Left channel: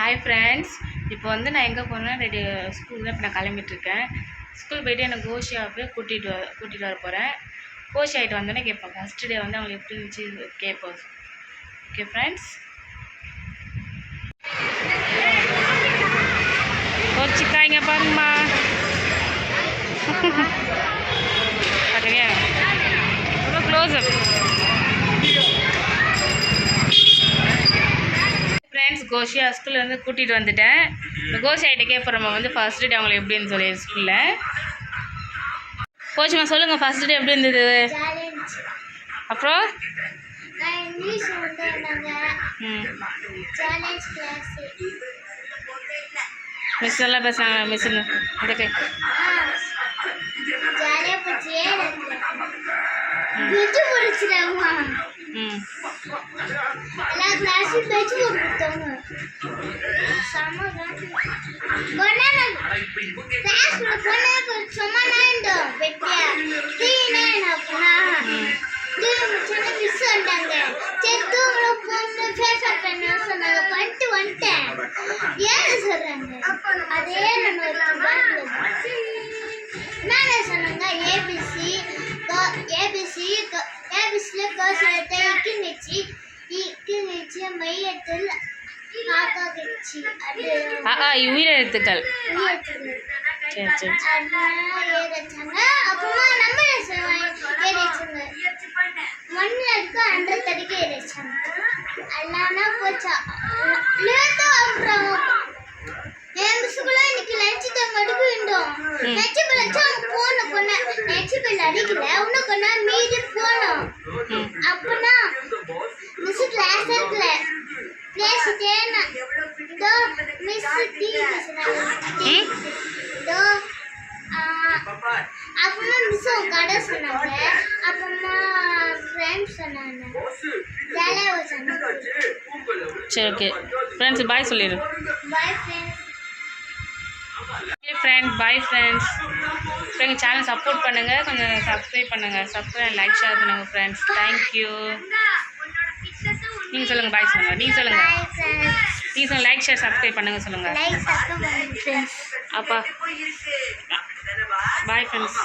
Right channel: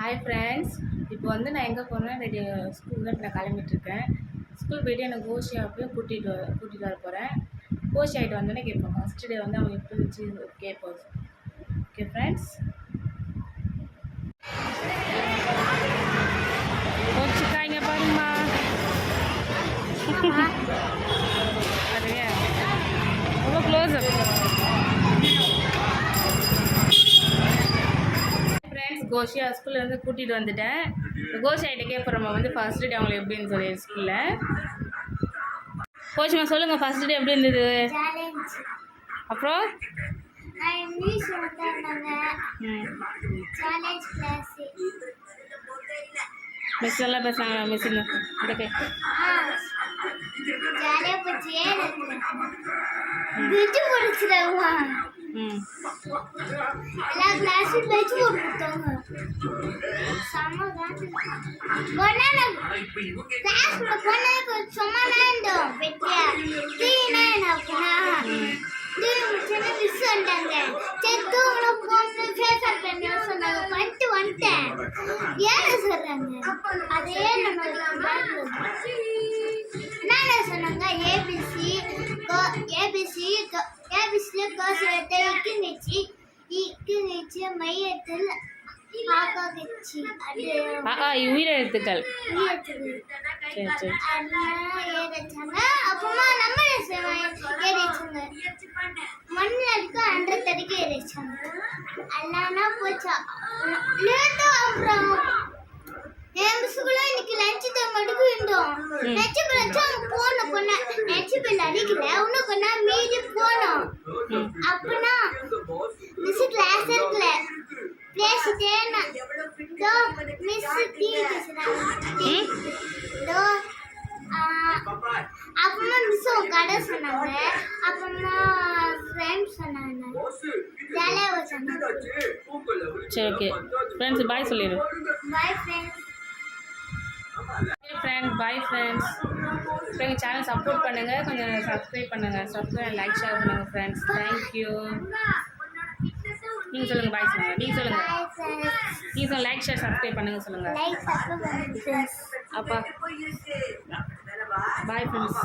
Hi friends, இப்போ வந்து நான் எங்கே போகிறேன்னா ஸ்கூல் தான் இப்போ நான் கிளம்பிட்டுருக்கேன். ஸ்கூல் போய்ட்டு எனக்கு கோஷியா போய் கூட்டிகிட்டு வர போகிறேன். கோஷி ஆகிட்டு வந்தோடனே கேட்பேன். ஃபஸ்ட்டு டே வந்து அவங்க எப்படி இருந்துச்சு கேட்போம். ஓகே ஃப்ரெண்ட்ஸ், கோச்சிக்காய்ங்க பாருங்கம்மா. பார்த்துங்க ரொம்ப க்ளோஸ் அப். கோஷியா ஸ்கூல்லேருந்து கூட்டிகிட்டு வந்துட்டேன். இப்போ கோஷி ஆகிட்ட கேட்போம் வந்து ஃபஸ்ட் டே அவங்களுக்கு எப்படின்னு சொல்லி ஸ்கூலில். கோச்சிமா சொல்லுங்கள், ஃபஸ்ட் டே எப்படி இருந்தது? அப்புறம் மிஸ் எல்லாம் பேசுகிறாங்க. மிஸ் இந்த உயிரெழுத்துக்கள். சரி சரி. சரி ஓகே ஃப்ரெண்ட்ஸ், பாய் சொல்லிடு. Bye friends. இப்போ எங்கள் சேனல் சப்போர்ட் பண்ணுங்கள், கொஞ்சம் சப்ஸ்கிரைப் பண்ணுங்கள். சப்ஸ்கிரைப் லைக் ஷேர் பண்ணுங்கள் ஃப்ரெண்ட்ஸ். தேங்க்யூ. நீங்கள் சொல்லுங்கள், பாய் சொல்லுங்கள். நீங்கள் சொல்லுங்கள் லைக் ஷேர் சப்ஸ்கிரைப் பண்ணுங்கள் சொல்லுங்கள். அப்பா பாய் ஃப்ரெண்ட்ஸ்.